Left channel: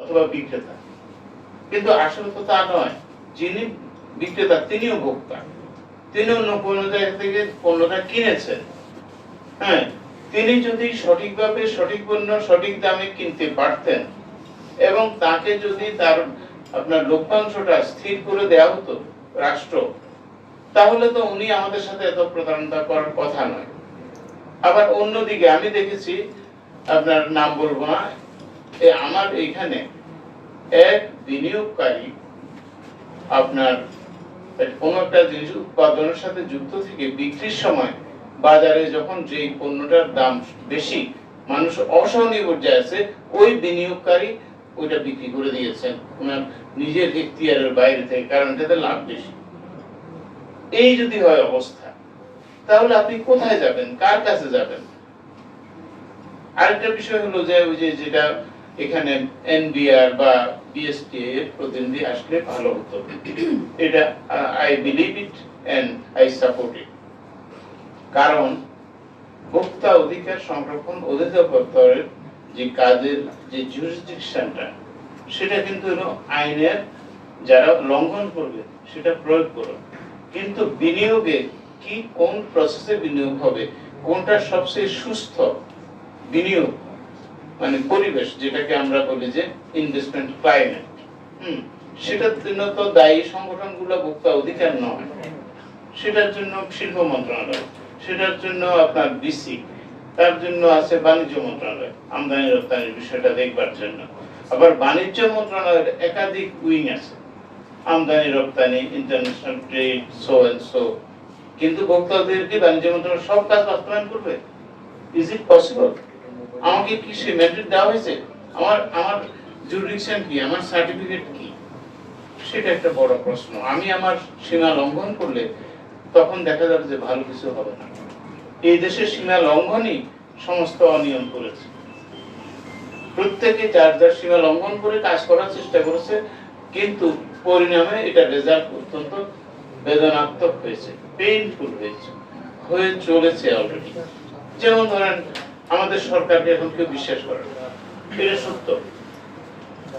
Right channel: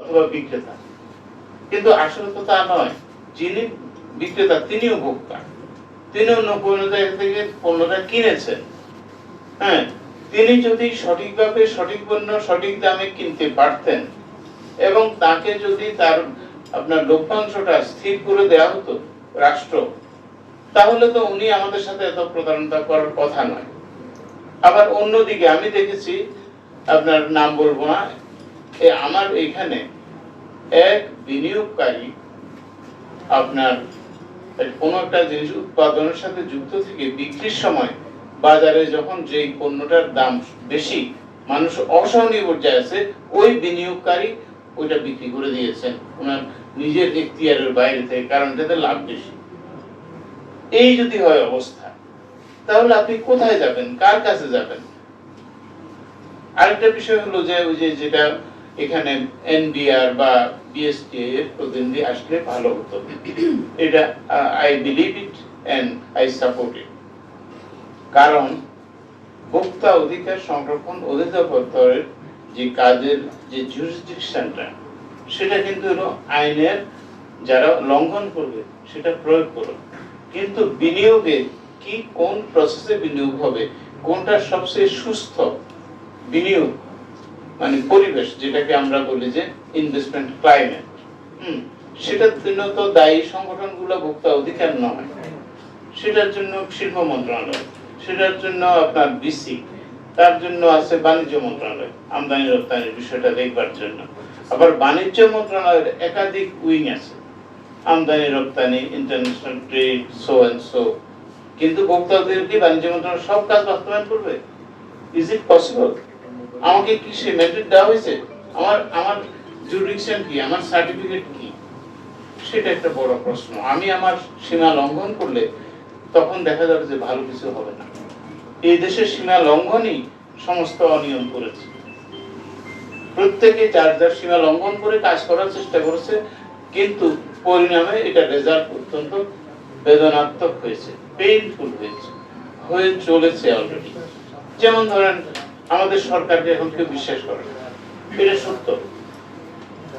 অথবা বিক্রেতা, কিন্তু আসলে তো তা নয়। যিনি বিক্রেতা তিনিও ভোক্তা, তিনি অন্য কোনো জায়গা থেকে পণ্যটা কিনেছেন। হ্যাঁ, তিনি যদি সঠিকভাবে সঠিক পণ্য সঠিক দামে কিনতে পারতেন এবং তাকে যদি তার আপনার লভ্যাংশটা স্থির করে দেওয়া হতো রাষ্ট্র, তাহলে তো উনি আমাদের সাথে এত প্রতারণা করার কথা নয়। আবার অন্যদিকে আমি দেখেছি, আপনার নাম বলবো না, আমার এখানে এক বিনিয়োগকারী আপনার কোন একটা জিনিস উৎপাদনের সাথে যুক্ত থেকে বিক্রির সময় বাজারে যখন যে পণ্যটার দাম বেশি, মানুষ অসহনীয় পর্যায়ে আছে, ওই বিনিয়োগকারী ওইটা বিক্রি করে দিয়েছেন ওনার নিজের এখতিয়ারের বাইরে থেকে, কারণ এটাতে লাভ বেশি। এই যদি হয় অবস্থা, তাহলে আপনি কোথায় যাবেন, কার কাছে যাবেন? আরেকটা বিষয় হলো যে ওই যে যেটা এখানে এনবিআর বা বিএসটি এর প্রতিনিধি আসলে ভালো হতো। এটা I believe it and I support it. কারণ ভোক্তা অধিকার সংরক্ষণ অধিদপ্তরের যে কাজের যে জুরিসডিকশনটা, সেটা কিন্তু হলো আইনের যারা লঙ্ঘন করবে সেটা প্রয়োগ করবে। কিন্তু বিনিয়োগে কি কোন প্রসেসে বিনিয়োগ হবে, কোনটা সবচেয়ে সুস্থ বিনিয়োগ মানে পরিবেশ, যেটাকে আমরা বলি যে ইনভেস্টমেন্ট ক্লাইমেট, সেটার জন্য তো দায়ী সংগঠনগুলো ভোক্তা অধিকার নয়, সেটার জন্য শিল্প মন্ত্রণালয়, সেটার জন্য আপনার বিসি, তার জন্য আছে বাণিজ্য মন্ত্রণালয় আমদানি রপ্তানির বিষয়টা দেখবার জন্য। আবার বাণিজ্য মন্ত্রণালয়ের একাধিক উইং আছে, আমদানি রপ্তানি, international trade, so and so. কিন্তু ভোক্তা অধিকার কি বাণিজ্য মন্ত্রণালয় সব কাজ বাস্তবায়ন করবে? Is it possible? আমাকে কি সে ম্যান্ডেট দেওয়া হয়েছে? আমার জুরিডিকশন কি, আমার সার্টিফিকেট কি? সেটা একটা বড় প্রশ্ন। আমি আমার সীমা লঙ্ঘন করলে তখন দেখা যাবে যে ভালো কিছু হবে না। এই দেশের সীমা লঙ্ঘনই সমস্ত অনিয়ম করেছে। প্রত্যেকে যার যার সীমা লঙ্ঘন করে কাজ করার চেষ্টা করেছে, কিন্তু পরিণামে এটা রেজাল্ট অত্যন্ত বেদনাত্মক হয়েছে, পেইনফুল হয়েছে, হয়ে চলেছে অলরেডি। যেমন ধরেন, আমাদের সরকারকে এখন কেউ বিশ্বাস করে না, এটা সত্য।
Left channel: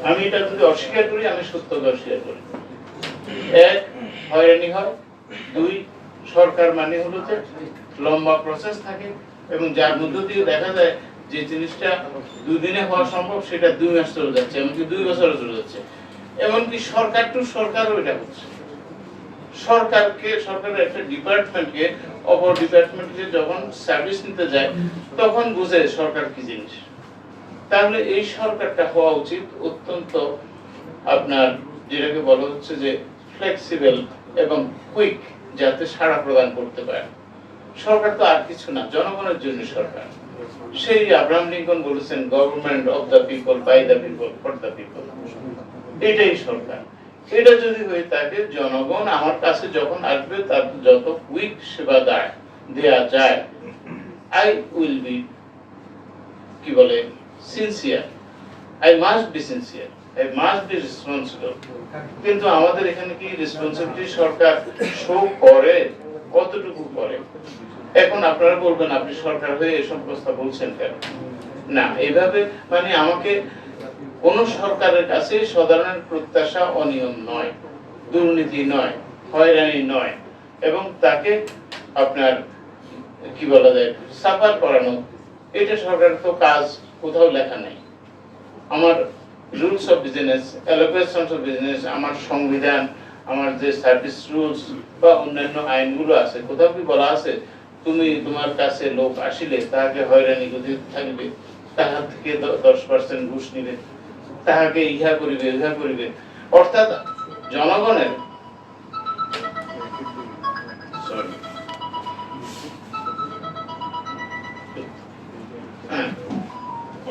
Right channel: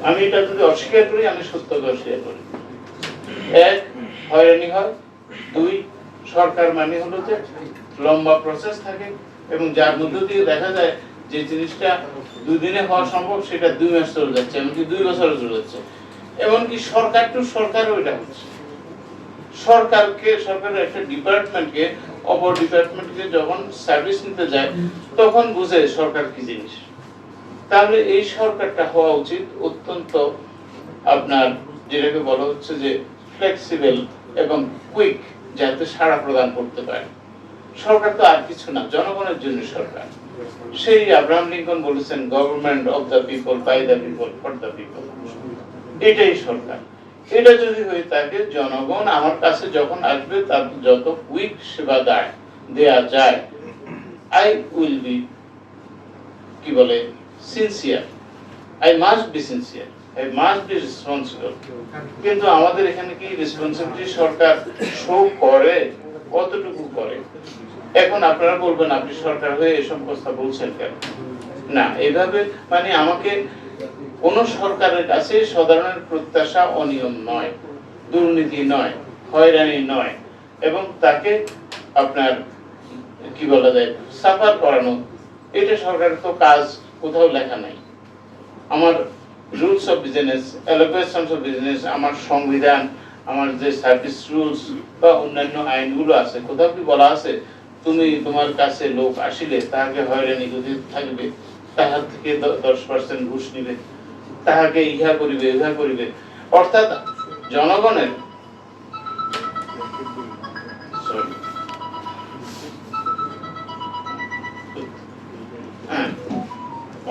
আমি এটা যদি অস্বীকার করি, আমি সত্যকে অস্বীকার করি। এক, হয়রানি হয়। দুই, সরকার মানে হলো যে লম্বা প্রসেস থাকে এবং যার মধ্য দিয়ে দেখা যায় যে জিনিসটা দুদিনে হওয়া সম্ভব সেটা 2 মাস চলে যাচ্ছে, এমনকি 2 বছরও চলে যাচ্ছে। এমনকি সরকার টু সরকারও এটা হচ্ছে। সরকারের একটা ডিপার্টমেন্টকে অপর ডিপার্টমেন্টকে যখন সার্ভিস নিতে যায়, তখন বুঝে সরকার কি জিনিস। তাহলে এই সরকারটা হওয়া উচিত অত্যন্ত আপনার যেটাকে বলা হচ্ছে যে ফ্লেক্সিবল এবং কুইক, যাতে সাড়া প্রদান করতে পারে। সরকার তো আর কিছু না, জনগণের জন্য সরকার। সেই আব্রাহাম লিঙ্কন বলেছেন, government of the people, by the people, for the people. এটাই সরকার। এটা যদি হয়ে থাকে, জনগণ আমার কাছে যখন আসবে তার যত কুইক সেবা দেয়া যায়, আই উইল বি কি বলে sincere, I must be sincere, I must be responsible. কিন্তু আমাদের এখানে কি রেসপন্সিবিলিটি সরকার শো করে? কতটুকু করে? এখন আপনারা বলবেন, আপনি সরকার হয়ে এসব কথা বলছেন কেন? না, এভাবে মানে আমাকে কোন সরকারের কাছে সাধারণের প্রত্যাশা অনিয়ম নয়, দুর্নীতি নয়, হয়রানি নয়, এবং তাকে আপনার কি বলা যায় সাফার করানো, এটা সরকারের তো কাজ কোথাও লেখা নাই। আমার rules of business, allocations of business, আমার সংবিধান, আমার যে সার্ভিস রুলস বা অন্যান্য আইনগুলো আছে, কোথাও কি বলা আছে তুমি তোমার কাছে লোক আসিলে তাহাকে হয়রানি করতে থাকবে, তাহার থেকে 10% ঘুষ নিবে, তাহাকে ইহা করিবে ইহা করিবে? অর্থাৎ জনগণের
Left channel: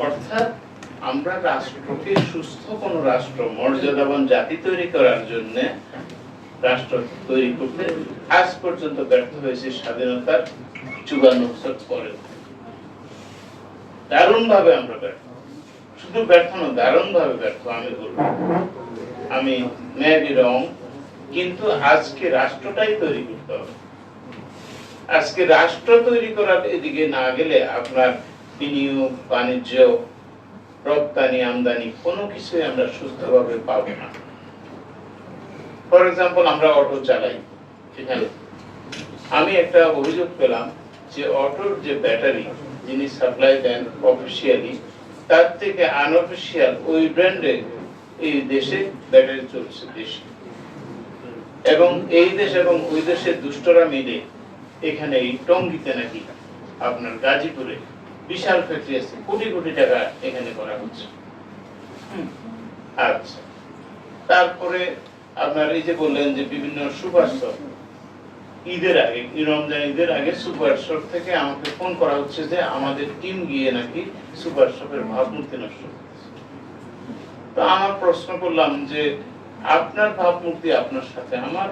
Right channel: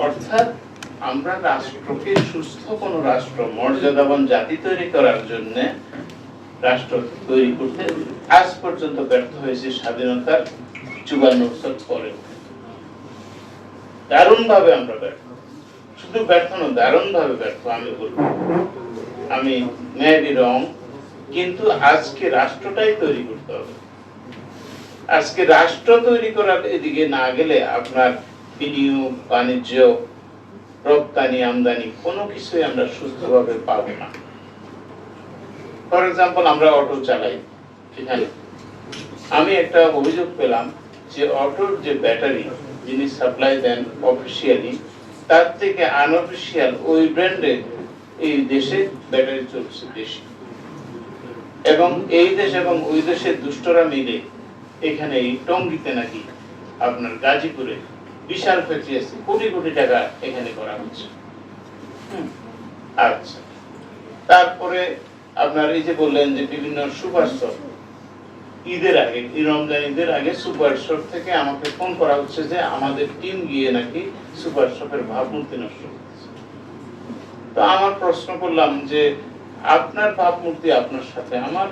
অর্থাৎ আমরা রাষ্ট্রকে সুস্থ কোন রাষ্ট্র, মর্যাদাবান জাতি তৈরি করার জন্য রাষ্ট্র তৈরি করতে আজ পর্যন্ত ব্যর্থ হয়েছে স্বাধীনতার 54 বছর পরে। দারুণ ভাবে আমরা ব্যর্থ, শুধু ব্যর্থ নয়, দারুণ ভাবে ব্যর্থ আমি বলবো। আমি মেবি রং, কিন্তু আজকে রাষ্ট্রটাই তৈরি করতে হবে। আজকে রাষ্ট্র তৈরি করার এদিকে না গেলে আপনার বিনিয়োগ, বাণিজ্য, রপ্তানি আমদানি কোনো কিছুই আমরা সুস্থভাবে পাবো না। ফর এক্সাম্পল, আমরা অটো চালাই, এখানে আমি একটা অভিযোগ পেলাম যে অটোর যে ব্যাটারি যিনি সাপ্লাই দেন অফিসিয়ালি, তার থেকে আনঅফিসিয়াল ওই ব্র্যান্ডে এই দেশে ব্যাটারি চলছে বেশি, এবং এই দেশ এবং ওই দেশের দুষ্টরা মিলে এখানে এই টঙ্গীতে নাকি আপনার গাজীপুরে বিশাল ফ্যাক্টরি আছে, কোটি কোটি টাকা এখানে করা হচ্ছে। আচ্ছা, তারপরে আপনার এই যে বললেন যে বিভিন্ন সুপার শপ, ঈদের আগে, রমজান ঈদের আগে সুপার শপ থেকে আমাকে ফোন করা হচ্ছে যে আমাদের টিম গিয়ে নাকি সুপার শপের ভাবমূর্তি নষ্ট করতেছে। তো আমার প্রশ্ন করলাম যে আপনার ভাবমূর্তি আপনার সাথে আমার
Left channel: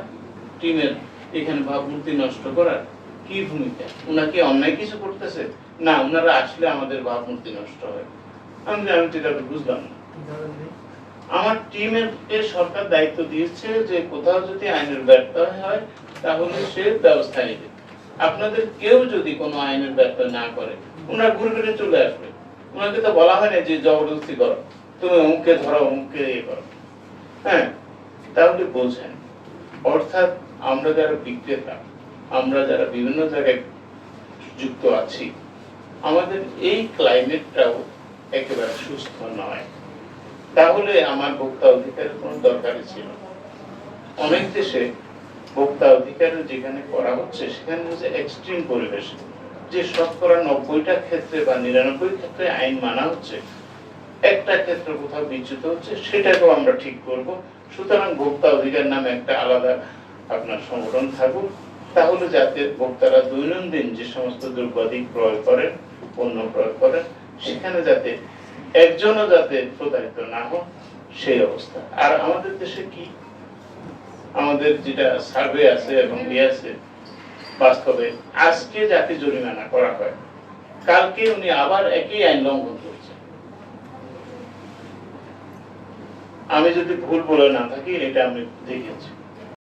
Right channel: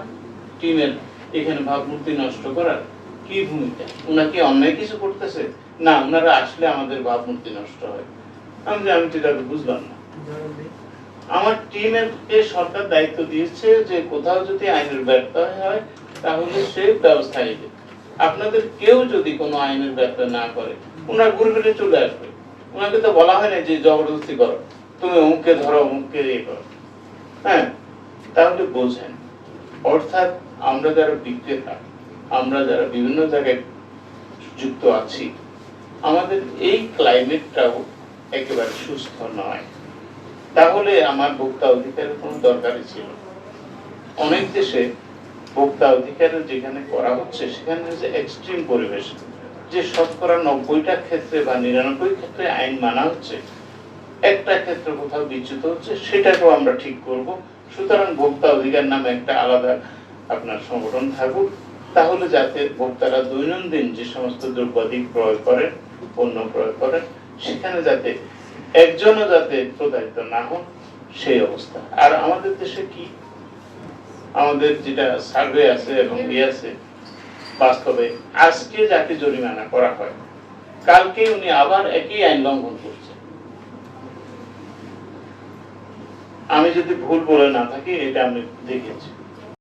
টিমের এখানে ভাবমূর্তি নষ্ট করার কি ভূমিকা? ওনারা কি অন্যায় কিছু করতেছে? না, ওনারা আসলে আমাদের ভাবমূর্তি নষ্ট হয়। আমি যেটা বুঝলাম না। আমার টিমের সরকার দায়িত্ব দিয়েছে যে কোথাও যদি আইনের ব্যত্যয় হয় তাহলে সে ব্যবস্থা নেবে। আপনাদের কেউ যদি কোনো আইনের ব্যত্যয় না করে, ওনারা ঘুরে ফিরে চলে আসবে। ওনাকে তো বলা হয় না যে জবরদস্তি করো, তুমি অমুককে ধরো, অমুককে ইয়ে করো। হ্যাঁ, তাহলে বোঝেন, অর্থাৎ আমরা যারা বিক্রেতা, আমরা যারা বিভিন্ন জায়গায় যুক্ত আছি, আমাদের এই ক্লাইমেটটাও একেবারে সুস্থ নয়। তাহলে আমার ভোক্তা অধিকারের কোনো দরকারই ছিল। অনেক দেশে ভোক্তা অধিকারের যেখানে করা হচ্ছে সেখানে হচ্ছে এক্সট্রিম পরিবেশ, যে শতকরা 90টা ক্ষেত্রে বা 99 ক্ষেত্রে আইন মানা হচ্ছে, একটা ক্ষেত্রে কোথাও বিচ্যুত হচ্ছে, সেটাকেও আমরা ঠিক করব। সুতরাং ভোক্তা অধিকার নামে একটা আলাদা আপনার সংগঠন থাকুক, তাহলে যাতে ভোক্তারা দৈনন্দিন যে সমস্ত দ্রব্যাদি ক্রয় করেন, পণ্য ক্রয় করেন, সেখানে যাতে একজনও যাতে প্রতারিত না হোক, সেই অবস্থা। আর আমাদের দেশে কি, আমাদের যেটা সার্ভে আছে এবং ইয়ে আছে, বাস্তবে আজকে যাকে জরিমানা করা হয়, কালকে উনি আবার একই আইন লঙ্ঘন করছে। আমি যদি ভুল বলে না থাকি, এটা আমি দেখেছি।